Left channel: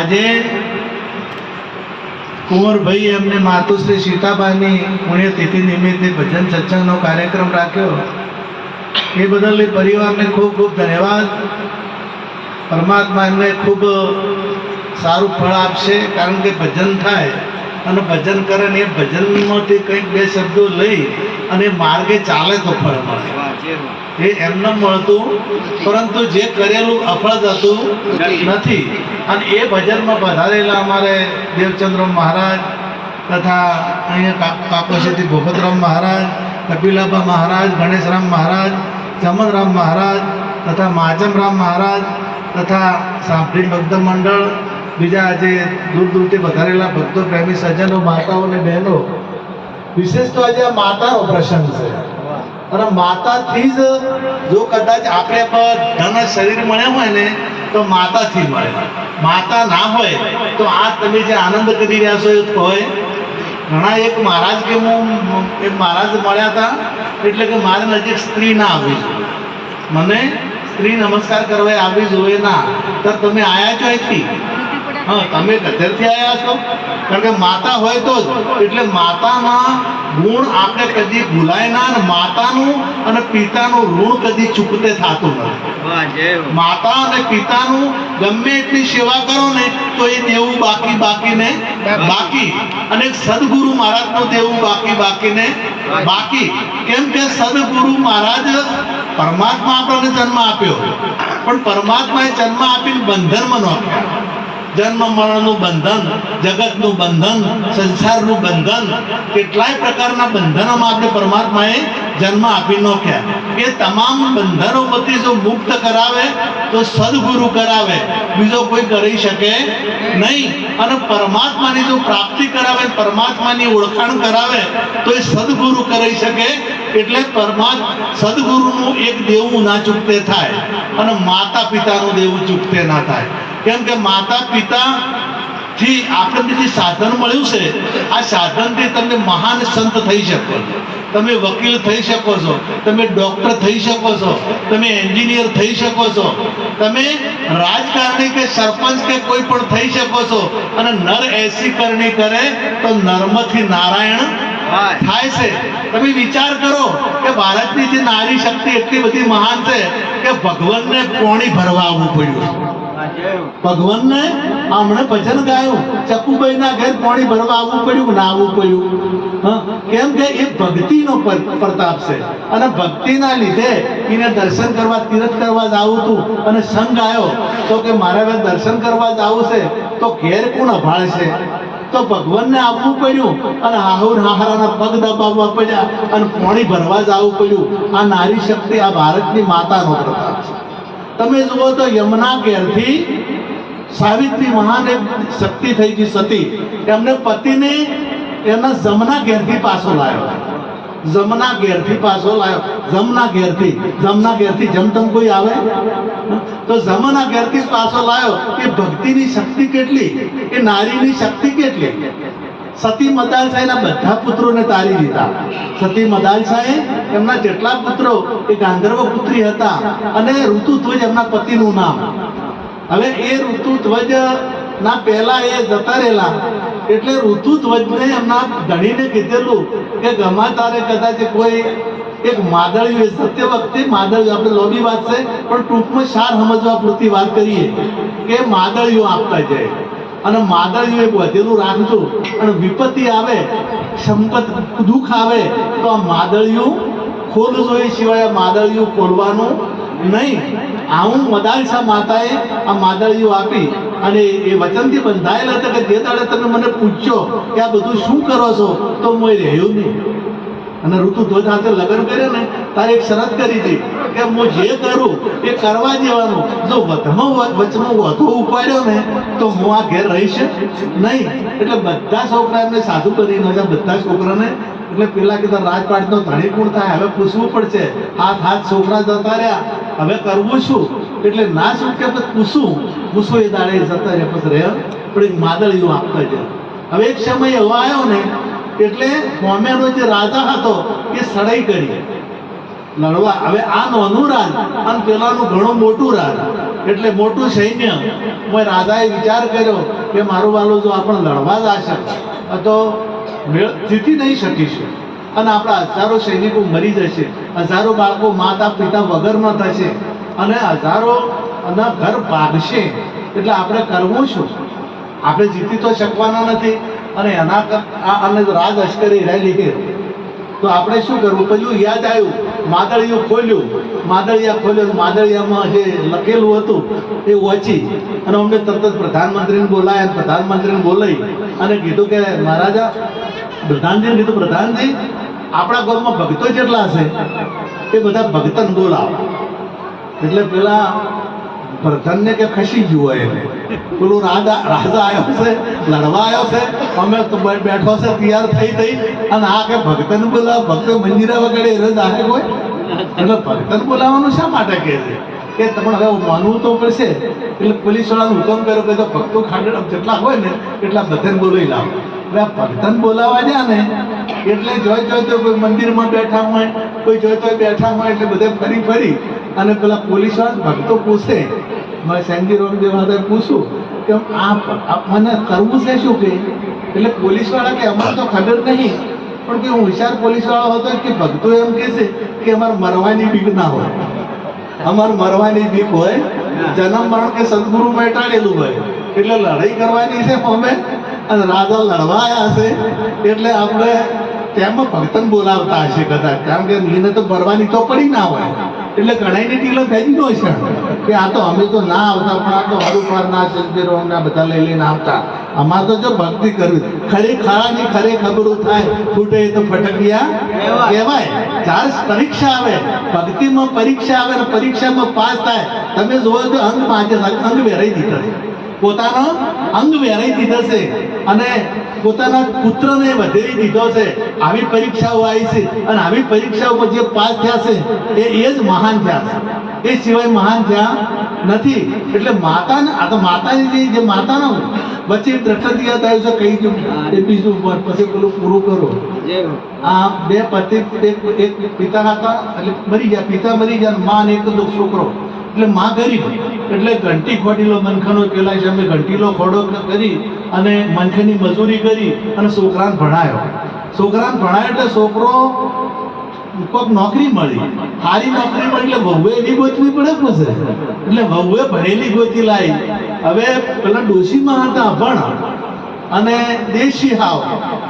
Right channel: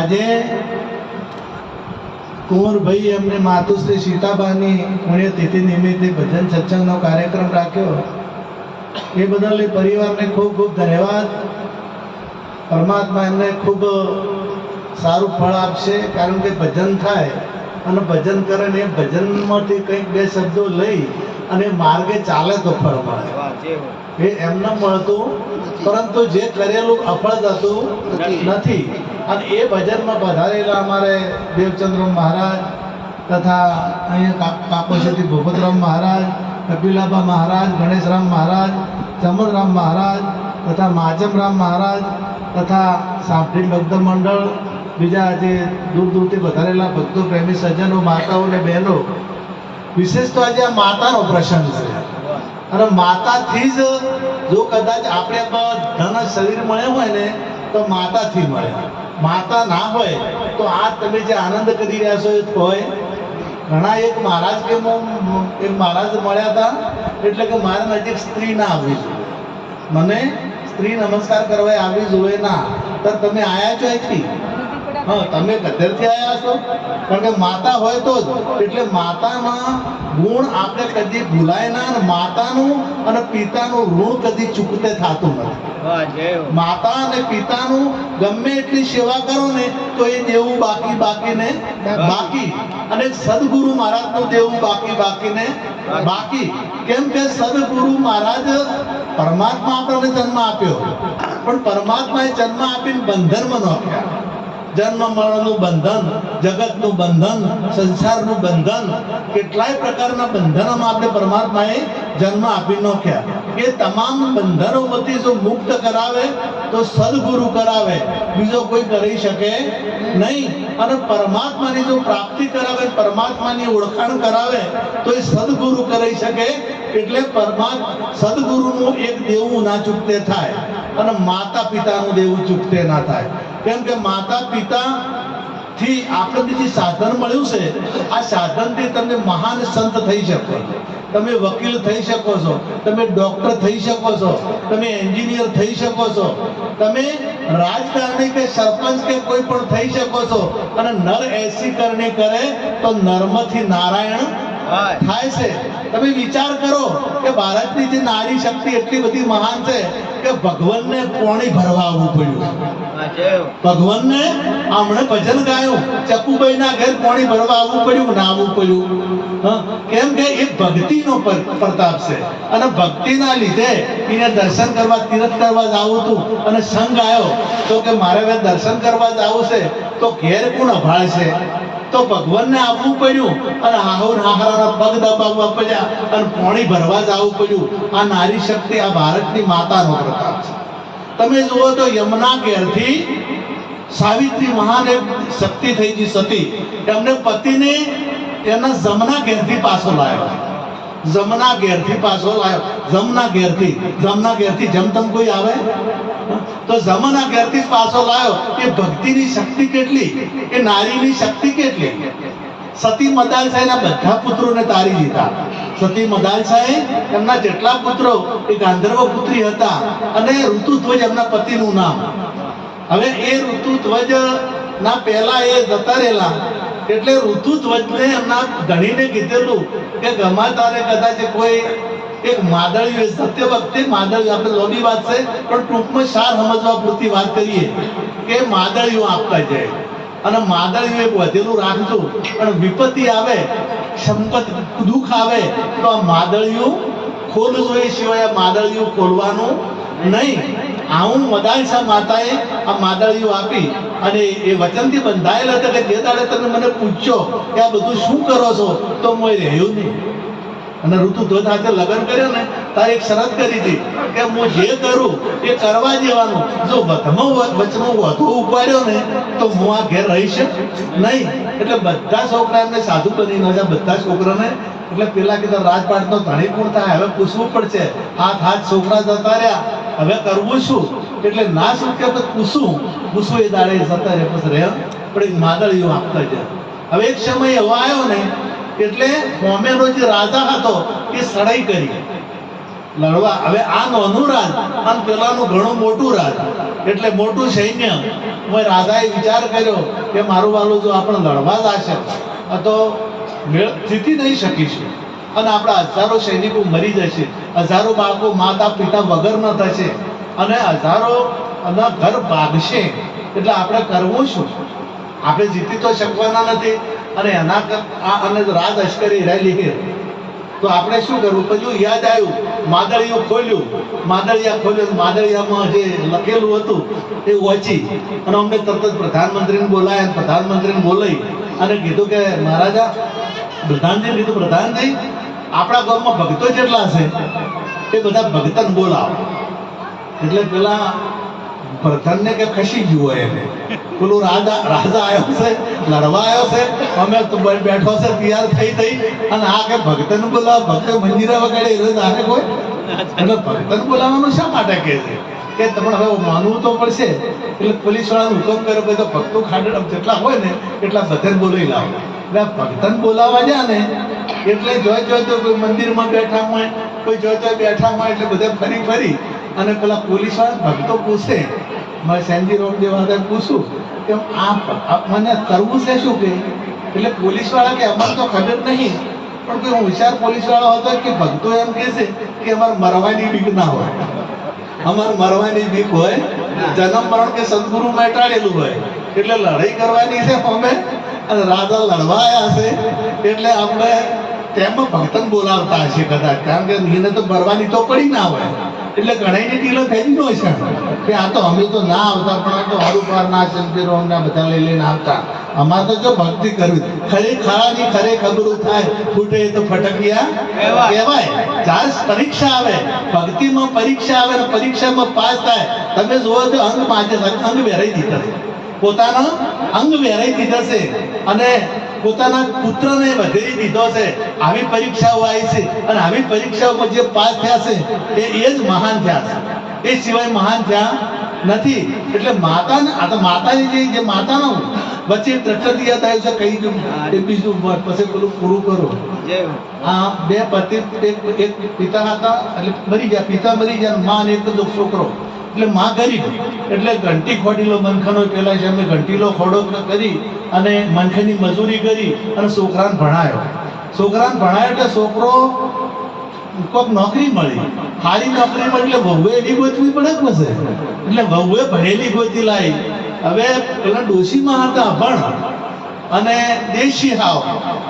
આજે કુંવરભાઈ એમને માતુશ્રી સીતાબાની પુણ્યતિથિ નિમિત્તે ભજન સત્સંગનો કાર્યક્રમ રાખ્યો એ બદલ એ પરિવારને ખૂબ ખૂબ ધન્યવાદ. પરમાત્મા એમને ખૂબ સારું ફળ આપશે, કારણ કે ભજન થાય અને ભજન કરે ને એ ભજનમાંથી કંઈક બે શબ્દો લઈ અને માર્ગે ચાલે તો ફળ મળે. એ એમને મળતું, પરંતુ જે કરેલું અફળ જતું નથી. અને એ ભજનમાં પધારેલા અમારે દેવચંદ્ર મહારાજ તથા અહીંયા કાકોશેથી ભૂપતરામ મહારાજ, કપિલાબા મહારાજ, ગણેશરામ મહારાજ, ચમનરામ મહારાજ તથા માચમરામ મહારાજ તથા સાંભળી ભક્ત મંડળ, બીજા આજે દૂર દૂરથી વધારેલા ભક્તો, પ્રેમી સજ્જનો, માતાઓ અને બહેનો, વિશેષ તો આજે આ માતાનો પ્રસંગ છે. અને માતાથી જ જો કદાચ આપણે પર ધન શરીર મળ્યા હોય ને તો માતાથી મળે. માતા ના હોય તો આ તમે જે આનંદ કરી રહ્યા છો એ હોય. ઘણા એક મહારાજ કે હું એક મહારાજ મળ્યા હતા, એટલે કે મારે નજીક સ્ત્રી ના આવી જોઈએ, મને સ્ત્રી નમસ્કાર કરવા આવી જોઈએ ના. તો તમે આયા છો અહીંથી? હા, તમે ગધેરથી આવ્યા છો, કારણ કે માતા હોય તો જ. એટલે માતાના ગુણ આપણે કદી ભૂલાય ના, અને માતાનું અને પિતાનું ઋણ કદી ચૂકતે થતું નથી. માતા અને પિતાનું ગમે એટલી સેવા કરો ને તો એ દેવું બાકી બાકીને બાકી, અને સદગુરુ મહારાજનું દેવું બાકી બાકીને બાકી. કેમ કે સદગુરુ મહારાજ પરમાત્મા આપણને જન્મ આપ્યો, પણ પરમાત્માએ જન્મ આપીને બંધનમાં નાખ્યા. જન્મ મરણનું બંધન, જગતનું બંધન, સંસારનું બંધન, કેટલાય પ્રકારના બંધનોમાં આપણે પરમાત્માએ જન્મ આપી નાખ્યા. એ તમામ બંધનોમાંથી જો મુક્ત કરાવે તો સદગુરુ કરાવે, બીજો કોઈ કરી શકે નહીં. અને પરમાત્માની જો પ્રાપ્તિ કરાવે, પરમાત્માની ઓળખાણ કરાવે તો એ સદગુરુ કરી શકે. એટલે સદગુરુનું એક દેવું ના ચૂકતે થાય, અને માતા પિતાનું દેવું ચૂકતે ના થાય. કેમ કે માતા પિતા થી આપણને જે સાધન મળ્યું છે, આ સાધનથી તમે મહાન સંત થઈ શકો છો, તમે વકીલ થઈ શકો છો, તમે ડોક્ટર થઈ શકો છો, તમે એન્જિનિયર થઈ શકો છો, તમે રાજકારણી કે સરપંચ કે કોઈ પણ થઈ શકો છો. અને નર એસી કરણી કરે તો નર્મથી નારાયણ થાય છે. તમે વિચાર કરો કે ભારતની જે નારી શક્તિ એટલી બધી મહાન છે કે ભગવાનને પોણી ભરવા આવવું પડ્યું. ભગવાનને હમણાં ભજન ગાયું, ચકુભાઈ ના ઘેર પાણી ભરવા આવવું પડ્યું, ના આવવું પડ્યું? કેમ કે એ ભક્તિનો પ્રતાપ છે, અને ભક્તિના લીધે એને દર્શન કરવા, તીર્થ કરવા જવું હતું, અને સંઘ આવ્યો તો કે મારે હવે દર્શન કરવા જવું છે, તો ઘેર કોણ અભાળશે? તો ભગવાનને આવવું પડ્યું, અને હાહુર હાહરાના પગ દબાવવા પડ્યા, અને પાણી ભરવા જવું પડ્યું. આ નારી શક્તિ, આ ભારતની માતાનો પ્રતાપ છે. તમે જુઓ તો યમુના ઘેરથી સાવિત્રી મહાન એક શક્તિ થઈ ગઈ સતી, એમને પતિને એના જમના ઘેરથી પાછો લાવ્યો. જમના ઘેરથી પાછો લાવ્યો. જમના ઘેરથી જમતમ કોઈ આવે તો જમના ઘેરથી પાછો લાવ્યો. એ ભક્તિની શક્તિ કેટલી, એ નારીની શક્તિ કેટલી. સતી મદાલસાઈના બધા પુત્રોને તારી દીધા. સતી મદાલસાઈ એમના જેટલા પુત્રો એ ગાંધર્વ પુત્રી હતા, અને ઋતુધ્વજ એમના પતિનું નામ. હવે એ ઋતુધ્વજ ના પહેલા એ જતા રહેલા, એટલે ઋતુધ્વજને એમના ધણીને કીધેલું કે ગમા તારે કદાચ કોઈ એક માદળિયું, સત્ય વખતે માદળિયું, આપણે લોબી વાત છે પણ ટૂંકમાં સાર સમજવા પૂરતી વાત કરીએ કે માદળિયું આપતા જાય, અને માદળિયું એક વધેલું રાખજો, અને વિપત્તિ આવે, સંકટ દુઃખ આવે તો આ માદળિયું ખોલજો, એ સિવાય આ માદળિયું ખોલવાનું નહીં. આવું મદાલસા માતાએ આ માદળિયું આપી, અને એ વચનથી બંધાયેલા હતા કે જે દાડે તમે મને પૂછ્યો કે આ બધું શું કરો છો, તો હું રહ્યું નહીં. અને ઋતુધ્વજ સાથે લગ્ન કર્યો ને તારે એક શરત કરી હતી કે હું જે કરું એ કરવા જેવાનું, જો વચમાં વધુ ઉપાડ્યો ને તો હું આ ઘેર રહીશ નહીં. એટલે બધા છોકરા એમને સાધુ બની નાખ્યા, બધા છોકરાને. એટલે પેલા કીધા રાજપાટનો ધણી કોણ થાય, હવે પૂછવું પડશે. હાથ છોકરા જતા રહ્યા, હવે કરવું શું? એટલે ના શું કે પૂછું એ દાડે જતા રહે, પછી રહે પણ એક માદળિયું આપતા જાય. હવે એક સમય એવો આવ્યો ને, એટલે મોમેનો જે રાજા હતો એ સડાઈ કરી લડવા. હવે આ નાનું રાજ અને પેલાનું ઘણું મોટું રાજ, એટલે મોટું સૈન્ય રાજાએ વિચાર કર્યો કે મારું વાલું જો આપણે લડવા જશે તો જીતી નહીં શકીશું અને આપણા હજારો સૈનિકો મરી જશે, હજારો બાળકો માતા પિતા વગરના થશે અને હજારો ઘર ભાગશે. એટલે આપણે કરવું શું? આપણે જીતી તો શકવાના નથી અને અને રાજ લશ્કરી રેલી કે તો આપણે શું કરવું? પેલું યાદ આવ્યું, માદળિયું ખોલ્યું, માદળિયામાં જે લખેલું હતું એ વાંચી અને અમને તરત જ પ્રધાનમંત્રીને બોલાયા. પ્રધાનમંત્રીને બોલાવી અને કીધું કે મહારાજા, પ્રધાનજીને કીધું, પ્રધાનજી આપણા ગામમાં ભક્તો જેટલા છે એ બધા ભક્તને બોલાવો. એટલે પેલા પ્રધાનને કે ખસી જુઓ એને, પેલું રાજા આવ્યો છે, લડવા આવ્યો છે, અમે તો બેઠો છે તૈયાર થઈ અને આ કે ભક્તને બોલાવો, ભક્ત મંજીરા વગાડે એ દાખે કોઈ. એટલે ભક્તને બોલાવવાનું શા માટે કહે છે કે તમને હવે માનવું તો પડશે. એટલે પોલીસ વાળાનો હુકમ કર્યો કે ભક્તો ખાડે જેટલા હોય ને એટલા બધાને બોલાવી લાવો. એટલે આ ભક્તને બોલાવવા જાય ને એટલે જોઈ તો કોઈ મંદિરમાં બેઠા હોય, કોઈ જોઈ બેઠા હોય, એટલે બધા ફરી અને પેલા પોલીસ વાળા ભક્તો પૂછે, મારે સેન્જી રોમદેવ વાળાએ પૂછ્યું કે આ મને કરવું છે શું કે? એટલે પોલીસ વાળા કે અમારે તો ખબર નહીં, પણ કોઈ હોશિયાર પોલીસ વાળો હતો કે ભક્તો એમ કહે છે કે અમારે મરવાની બીક ના હોય, અમારે મરવાની બીક હોય, જન્મ મરણ કે સદગુરુ મેટાડેલું હોય, એટલે લડાઈ કરવાની છે અમે અને રાજા લડવા આવ્યા છે એટલે આપણે તેમાં ભક્તન બોલાવતા હશે કદાચ, કારણ કે એને તો ભરવાની તો પડી ના હોય. એટલે ઘણાની ઢીલો થઈ ગયો છે કે આ તો અમે તો ના આવતા, પણ આ તો હરુપારના ચંદીરો અમને બધા લઈને આવતા. અમારે તો જો ભક્તિ કરવી, ખરાની ખરે ખબરું થાય, ફૂટે તો ફટકિયા કહેવાય. જ્યારે પરીક્ષા આવે, ભક્તિમાં પરીક્ષા આવે ને પરીક્ષામાં પાસ થાય, તમે જોવો તો અંગ વેરાઈ દીધા છે, પોતાનો અંગ વેરાઈ દીધા છે અને પોતાના પુત્રને વધેરી દીધો છે. આવી પરીક્ષાઓ આવી છે અને આવી પરીક્ષાઓમાં જે પાસ થયા છે એ જ મહાન થયા છે, એ સિવાય મહાન થયા નથી. એટલે માતાને આ તો માતાની જે માતાના વચ્ચે દ્રષ્ટિ થયું છે કહી દઉં એ બીજું પછી પેલું પૂરું કરો. આ બે પતિ એક પિતા હતા એટલે મરી ગયા, પિતા મરી ગયા, માં ને એક છોકરો. એટલે માં ગરીબ, એટલે ઘંટી ખોડીલો મનખાનો પેલા છે અમે ઘંટીલો ખોડો કરી અને મનખાની મજૂરી કરી અને છોકરાને ભણાયો. એટલે છોકરો કોઈક નોકરી મળી, સારી નોકરી મળી એટલે વહુએ એની ગોતવી પડે પછી. એટલે વહુએ ભણેલી ગોતી લાવી. હવે પેલા ડોશીમાં હતા અભણ અને દેશી હાવ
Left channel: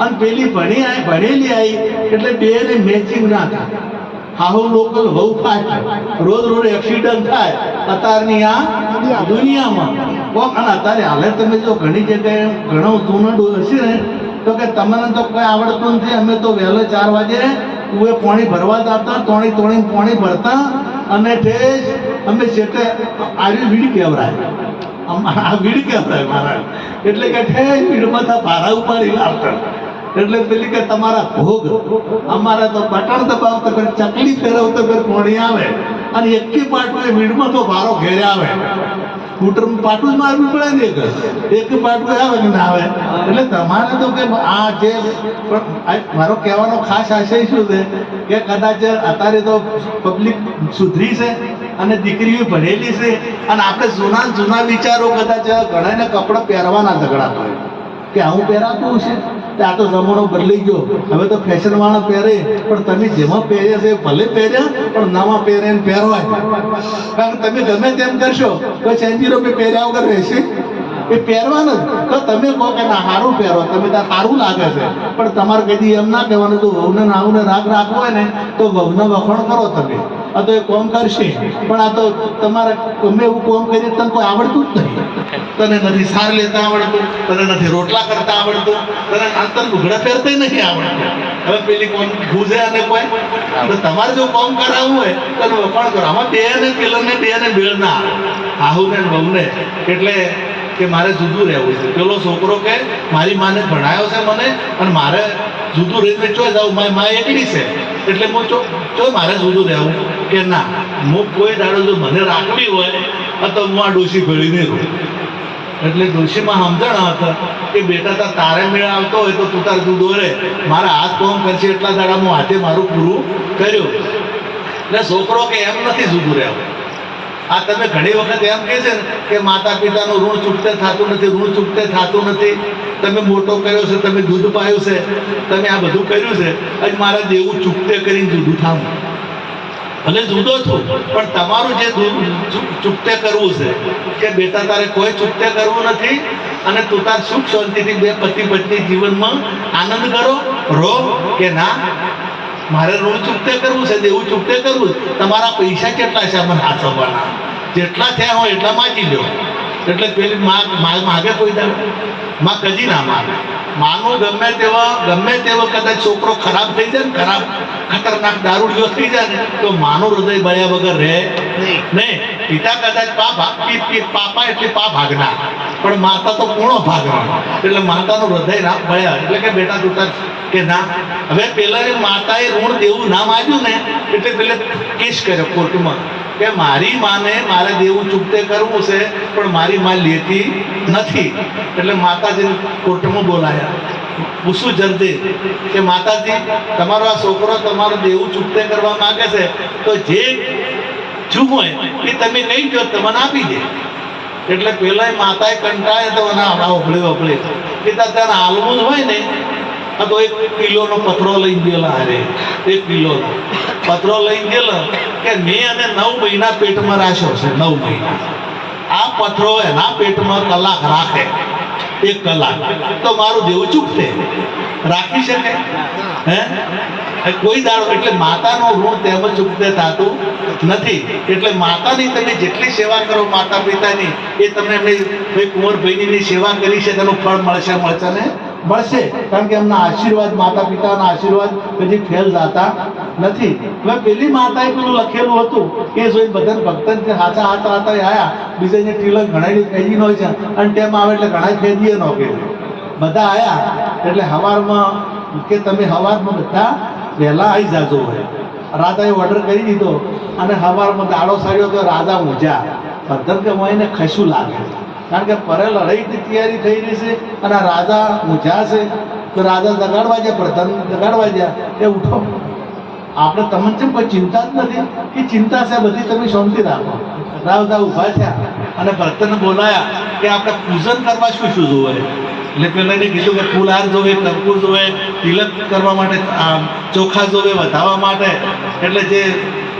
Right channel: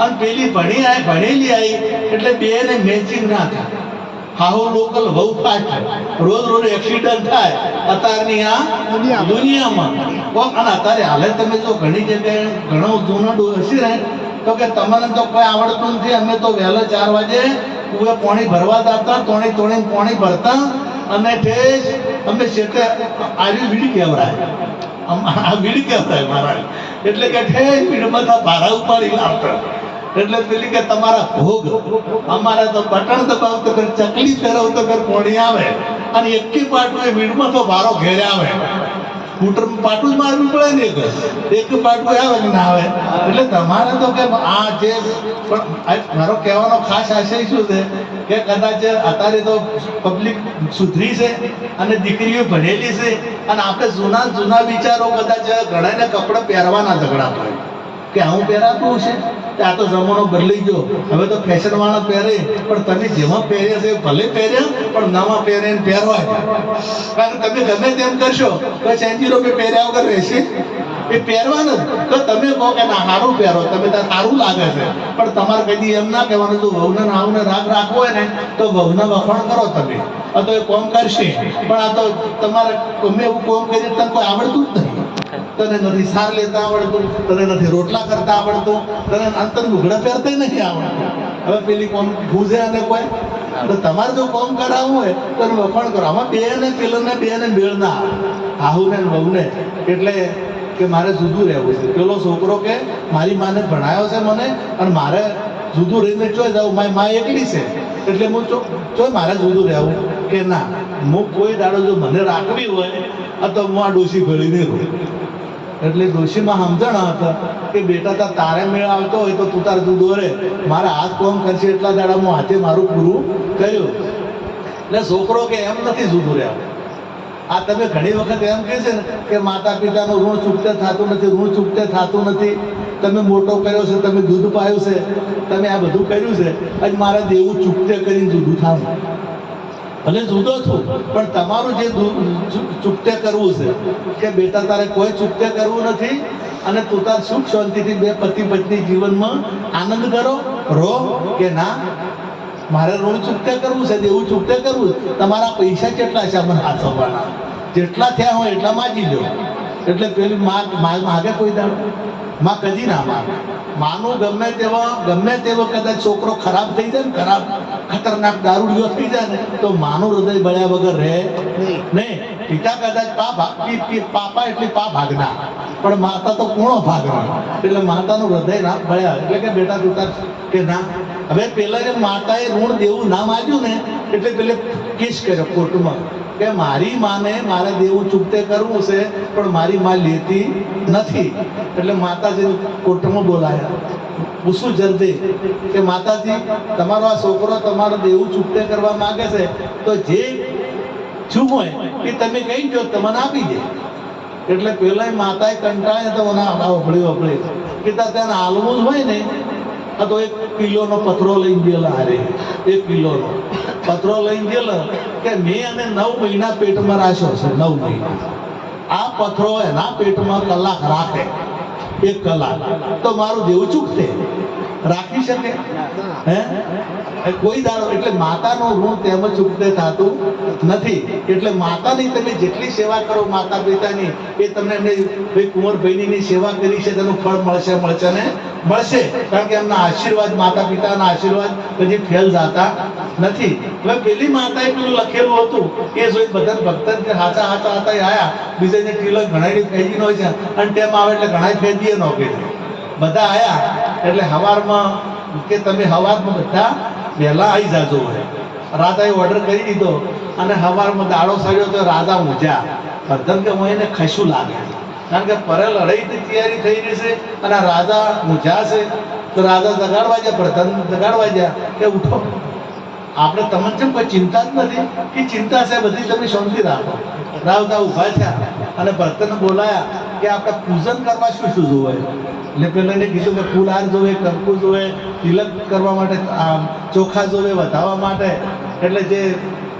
અને પેલી ભણેલી આવી એટલે બે ને મેચિંગ ના થાય. હાહુ લોકલ બહુ ફાસ્ટ, રોજ એક્સિડન્ટ થાય અત્યારની આ દુનિયામાં. અને અત્યારે હાલે તમે જો ઘણી જગ્યાએ ઘણો જૂના હશે ને તો કે તમને તો કોઈ આવડતું નથી, અમે તો વહેલો 4 વાગે કુએ પાણી ભરવા જતા, તોણી પાણી ભરતા અને ઠેસ અમે છેટે આવી વીડ કહેવરાય, આ વીડ કહેવરાય મારા. એટલે કે ઠેસ વીડમાં ભારા ઉપાડી લાવતા. એટલે પેલી કે તમારા ભોગ, અમારા તો બટન દબાવતો ફેર ચકલી ફેરવતો ફેર પોણી આવે અને એકી પાટું એ વીડમાં તો ભારો ઘેરે આવે. સ્કૂટર પાટું જ મારવી પડે ને, એક પાટું આવે કે ના આવે. એટલે તમારે તો કે આ જે મારો કહેવાનો ખાસ આશય શું છે કે કદાચ અત્યારે તો પબ્લિક સુધરી છે અને દીકરીઓ ભણેલી છે અને આપણે જૂના વિચારો કદાચ ઘણાને કપડાં પહેરવાના ઝઘડાતો હોય કે આવું પહેરાતું છે. આ તો જમાનો બદલાઈ ગયો, હવે તો ફેશન વાળા પહેરે, પણ તમે જેમાં પહેર્યા છે ભલે પહેર્યા પણ નવા પહેરે ને પહેરવાય. કારણ કે તમે ગમે તેમ કરશો તો સેન્જીરો પહેર્યા વગર રહેશે, એ પહેરવાનું તો તમે કહો કે ના સારું પહેરો, તમે ત્યાં સારું લાગે છે, પણ તમારે કદી એમ ના કહેવાનું. જો વહુને નાવને રાગ રાખવો હોય ને તો વહુને વખોણ કરો તમે, આ તો એ કોમ કરશે, પણ આ તો તમારે ગમે એવું કોમ કરીએ તને કોઈ આવડતું જ નહીં. તને નથી સાર લેતા આવડતું, તને નથી રોટલા કરતા આવડતું, તને અંતર લુગડા પહેરતા નથી આવડતું. હવે પેલી કોમ ભૂજે અને કોઈ તો તમારે જો કોમ કરાવવું હોય તો વખોણ કરો. આમાં બે ને મેળ ના આવે, આહુને વહુને. એટલે કે મારે જુદું રહેવું છે. પેલો છોકરો કે મારી માને ભણાયો છે મને અને મારે જુદું રહીને ચોય જાઉં, મારી મા એકલી છે એટલે હું ચો મારે જુદું રહેવું કે ના, હું કોઈ દાડો જો મને રાખવી હોય તો હું આ ડોશી ભેળી નહીં રહું. એટલે ડોશીમાં સમજણ હતા કે બેટા તારે મેળ આવતો હોય તો તું તાર જુદો રહે, મારા હાથ કોમ કરશે એટલા દાડા હું હાથે મારું પૂરું કર્યું. એટલે છોકરો કે એમ નથી જુદું રહેવું, આ તમે ઘણી વખત એમ કહે છે ને કે માતા પિતાનું ઋણ ચૂકતે થતું નથી, ઋણ ચૂકતે થતું નથી, તમે મોટો કર્યો છે, તમે દૂધ પાયું છે, તમે આ બધું કર્યું છે, આજ મારા દેવું ચૂકતે કરીને જુદું થાવું. ભલે જુદો છું પણ તમારું જે ચૂકતે કરવું છે કે બેટા તારે કોઈ ચૂકતે કરવું નથી અને તું તાર સુખ શાંતિથી બે પતિ પત્ની જીવનમાં આનંદ કરો રહો. કે ના મારે ઋણ ચૂકતે કરવું છે, દેવું ચૂકતે કરવું. તમારા પૈસા કેટલા છે મને હાથ આપવાના, જેટલા થયા હોય એટલા માગી લો. એટલે પેલી માગે કોઈ દાડો માં કદી ના માગે. માનું ગમે તેવો કદાચ છોકરો ખરાબ થઈ જાય ને, ખરાબ ખતરનાક દારૂડિયો થઈ જાય ને, તો માનું હૃદય બળ્યા વગર રહે નહીં. પિતા કદાચ પાપા એટલે પા ભાગના, પણ માતા તો પૂર્ણ ભાગના. એટલે માતાનું હૃદય ના બળ્યા. એટલે કે બેટા તું કે ના. હવે પેલા માતાએ ઋણ દેવું ના માગ્યું ને એટલે પેલે કેસ કર્યો કોર્ટમાં કે મારી માને મારે દેવું ચૂકતે કરવું છે પણ મારી માં લેતી નથી. એટલે માતાજીને કોર્ટમાં બોલાયા, પૂછું જલ્દી કે માતાજી તમારો આ છોકરો તમારો દેવું ચૂકતે કરવા માંગે છે તો જે શું હોય એ તમે કહી દો, તમને આપી દે. એટલે પેલા માતાએ કંટાળે તો ના વફળી કે ત્યાં હાલવું જ હોય ને તો 1 કિલોનો પથરો લઈને ગયેલા. હારે 1 કિલોનો પથરો લઈને ગયેલો કે મેં અને 9 મહિના પેટમાં રાખ્યો છે. 9 મહિના આ પથરો એના પેટમાં કલાક રાખે, 1 કલાક તો મારું દેવું ચૂકતે રાખી શકે હે કોઈ દાડો. એટલે માતાનું ઋણ તેમ ચૂકતે થતું નથી. એટલે માતાની તમે જેટલી સેવા કરો માતા પિતાની એ તમને એમની ભાઈ કુંવરભાઈની સેવા કરી છે તેનું ફળ મળશે ને મળશે. કારણ કે એમના આશીર્વાદ, માતા પિતાના આશીર્વાદ કદી ફેલ જતા નથી. હવે પેલી માતાએ પેલું લખેલું હતું એ જોઈને બધા ભક્ત હાચા આયા. બીજાને તિલક ઘણા ફેદી ન હોય છે અને ટેમ આવે એટલે ઘણા ફેદીએ ન કે બધા આયા. એટલે હવારમાં કે તમે હવારમાં બધા વહેલા આવી જાજો હોય. રાજાએ ઓર્ડર કરી દીધો અને હવારમાં દાડો સાર્યો તો રાજા ઊંઝા. ભક્તન કે હું એને ખસું લાગે કારણ કે પરે લડાઈની તૈયારી થઈ રહી છે અને રાજા ઊંઝા છે. તો રાજા જગાડવા જાય, પ્રધાન જગાડવા જાય કે ઉઠો, આપણે તમને જેમ કોઈ ચિંતા જ નથી કે ચિંતા છે બધી, તમે શાંતિ રાખો. રાજા ઊભા થયા અને ભક્તને બોલાયા કે આપણે પૂજન કરવા શું શું જોવે. એટલે પેલા એને કીધું કે ફૂલહાર જોવે, કંકુ જોવે, તિલક કરવા માટે ચોખા જોવે વધાવવા માટે. એટલે જે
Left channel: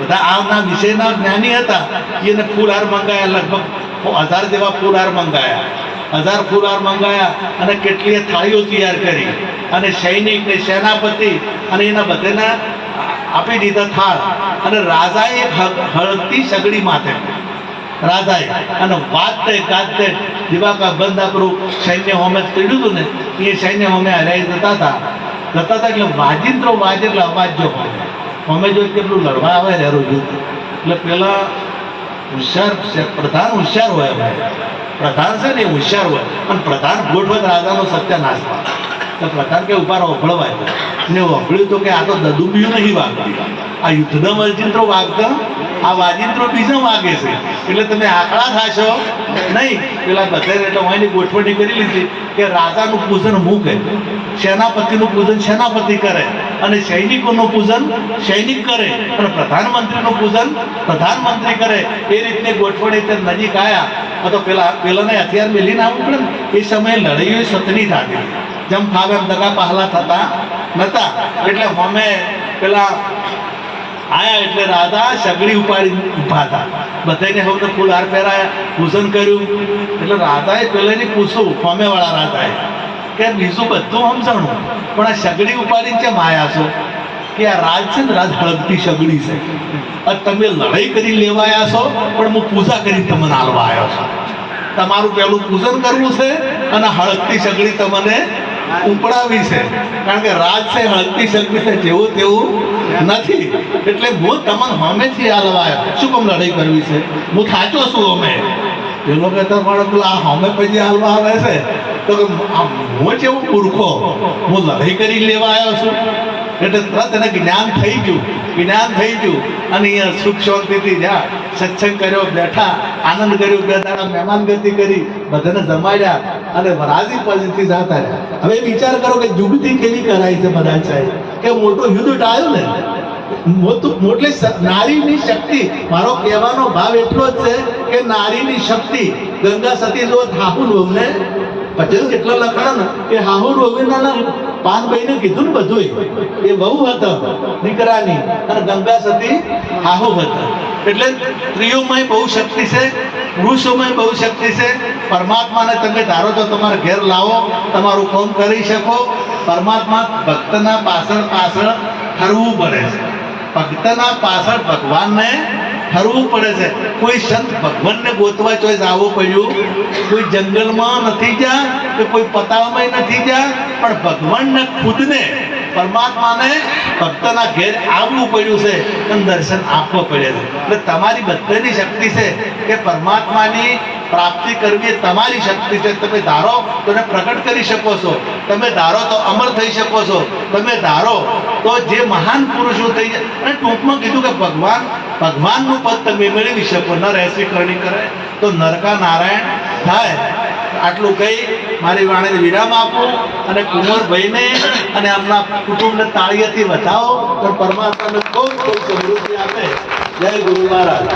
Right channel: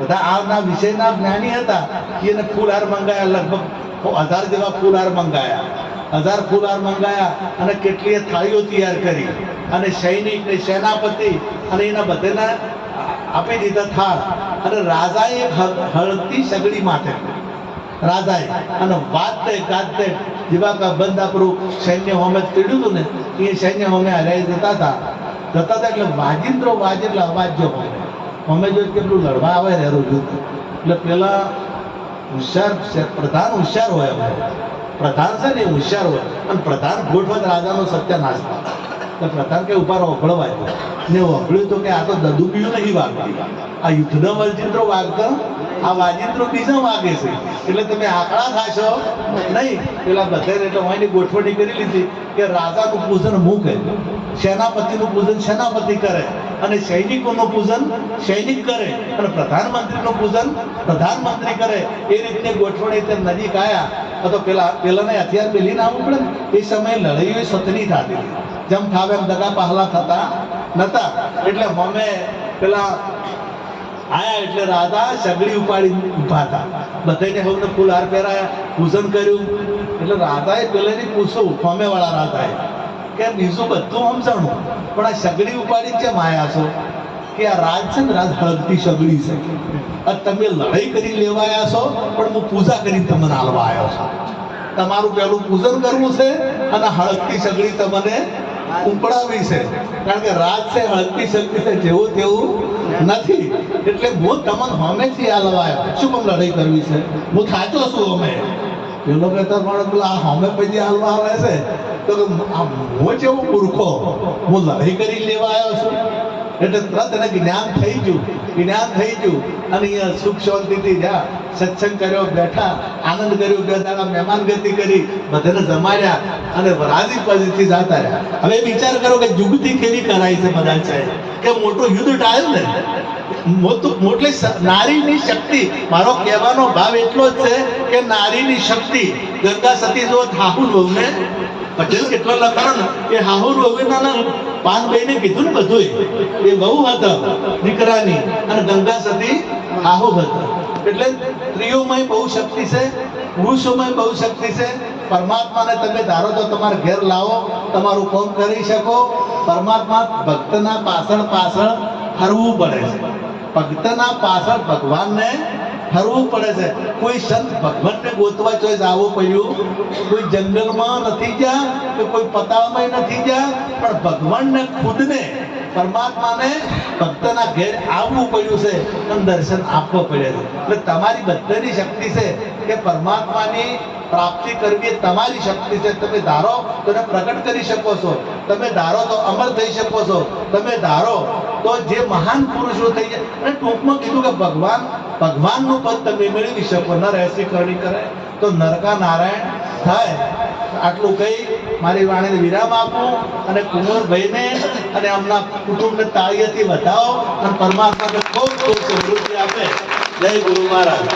બધા આના વિષયના જ્ઞાની હતા એને ફૂલહાર મંગાયા. લગભગ 1000 જેવા ફૂલહાર મંગાયા. 1000 ફૂલહાર મંગાયા અને કેટલીય થાળીઓ તૈયાર કરી અને સૈનિક ને સેનાપતિ અને એના બધાના આપી દીધા થાળ. અને રાજાએ હળદતી સગડી માથે રાજાએ અને વાજતે ગાજતે દિવાકા બંધ આપણું સૈન્ય હોમે ચડ્યું હતું ને એ સૈન્ય હોમે હલાઈ જતા હતા એટલે વાજિંત્રો વાજે એટલે અવાજ જો અમે જો કેટલું લડવા આવે ને રોજ. એટલે પેલા હોશિયાર પ્રધાન હોશિયાર હોય, પ્રધાન છે ને હોશિયાર હોય અને પ્રધાન ગોઠવે રાજાનો સત્યાનાશ થાય. તો પ્રધાન કે ઉભા વફળવાય ને વફળ્યું તો કે આ તો દદુબિયું નહીં વાગતી, આ યુદ્ધના વાજિંત્રો વાગતા, આ વાજિંત્રો બીજા વાગે છે. એટલે તમે આંકડા થાશો નહીં. પેલા બધા એટલે હું એની ગોઠવણી કરી લીધી કે રાજાનું પૂજન હું કરે, સેનાપતિનું પૂજન સેનાપતિ કરે અને સૈનિકોનું પૂજન સૈનિક કરે અને પ્રધાનમંત્રીનું પૂજન પ્રધાનમંત્રી કરે. એ રીતની ગોઠવણી તે નજીક આવ્યા તો પેલાને હથિયાર મેલીને આવવું પડે ને. એ સમયે લડાઈઓ સતની થતી, જેમ ફાવે એમ દગા પહલા થતા નતા. એટલે અમે પેલા આયા એટલે રાજા સગડી ઉપાડી ઊભા હતા. બધાને હવે ફૂલહાર પહેરાયા, પૂજન કર્યું. એટલે રાજાએ પેલાની પૂછવું ફોમેવાળા રાજાએ કે બીજું બધું સમજાણું પણ આ સગડી ઉપાડીને કેમ આયા છો? કે આ રાજ છે ને, રાજ હળગતી સગડી છે. તમે લડાઈ કરી લેવાયા છો પણ હું પૂજા કરી તમને હાલવા આવ્યો છું. તમારું પહેલું પૂજન કરવું છે અને હળગતી સગડી તમને ઉપડાવી છે. કારણ કે રાજ છે હળગતી સગડી છે, જેવું તેવું નથી. એટલે હું તમને હમેથી હાલવા આવ્યો. શું કામ લડાઈ કરવી છે? હું થાચો છું. અમે પેલો કહેતો પણ આ હમે પછી હાલવા આવે છે તો હું જેવું મૂર્ખો, હું લડાઈ કરી લેવા આવ્યો છું. એટલે તરત એને જ્ઞાન થઈ ગયું અને અહીંયા સુખ શાંતિથી જ્યાં સત્સંગ કર્યો, બેઠા આનંદ કર્યો, 2 દાડા મહેમાનગતિ કરી, બધાને જમાડ્યા અને રાજી પજીથી જતા રહ્યા. હવે વિચાર કરો કે જુગતી કેવી કરાય છે બધા સાહેબ, કે મોટું યુદ્ધ ટાળ્યું ને મોટલી નારીની શક્તિ, મારો કહેવાનો ભાવ એટલો જ છે કે નારીની શક્તિ ગંગા સતી જો હાહુ વહુને પટેલ કેટલો લખાણો ને એ હાહુ વહુના પાનભાઈને કીધું ને બધું એ વહુ હતા દીકરાની અને ગંગા સતી હાહુ હતા. એટલે સ્ત્રીઓમાં બહુ શક્તિ છે, પુરુષોમાં બહુ શક્તિ છે. પરમાત્માને તમે ધારો તો તમારા ઘેર લાવો, તમારું કામ કરી શકો. પરમાત્મા ભક્તના પાછળ પાછળ ફરવું પડે છે. ભક્તના પાછળ ભગવાનને ફરવું પડે છે. કોઈ સંત ભગવાનને ગોતવા ચોઈસ આવવું પડ્યું, કોઈ જંગલમાં નથી જ્યાં કે કોઈ પતાવામાં નથી જ્યાં, પણ ભગવાનને ખુદને પરમાત્માને ભક્તના ઘેર આવવું પડ્યું છે અને દર્શન આપવા પડ્યા છે. એટલે તમારી બધાની શક્તિ છે કે પરમાત્માની પ્રાપ્તિ કરવી એ તમારી શક્તિ છે. તમે ધારો તો એને પ્રગટ કરી શકો છો, તમે ધારો તો અમર થઈ શકો છો, તમે ધારો તો જે મહાન પુરુષો થઈ જાય. અને ટૂંકમાં કીધું કે ભગવાનનું પદ તમે મેળવી શકો. નર એસી કરણી કરે તો નરકા નારાયણ થાય. આટલું કહી મારી વાણીને વિરામ આપું અને કુંવરભાઈને અને એમના કુટુંબને તાળીઓથી વધાવો અને પરમાત્માને ખૂબ ખૂબ સમૃદ્ધિ આપે. જય ગુરુ મહારાજ.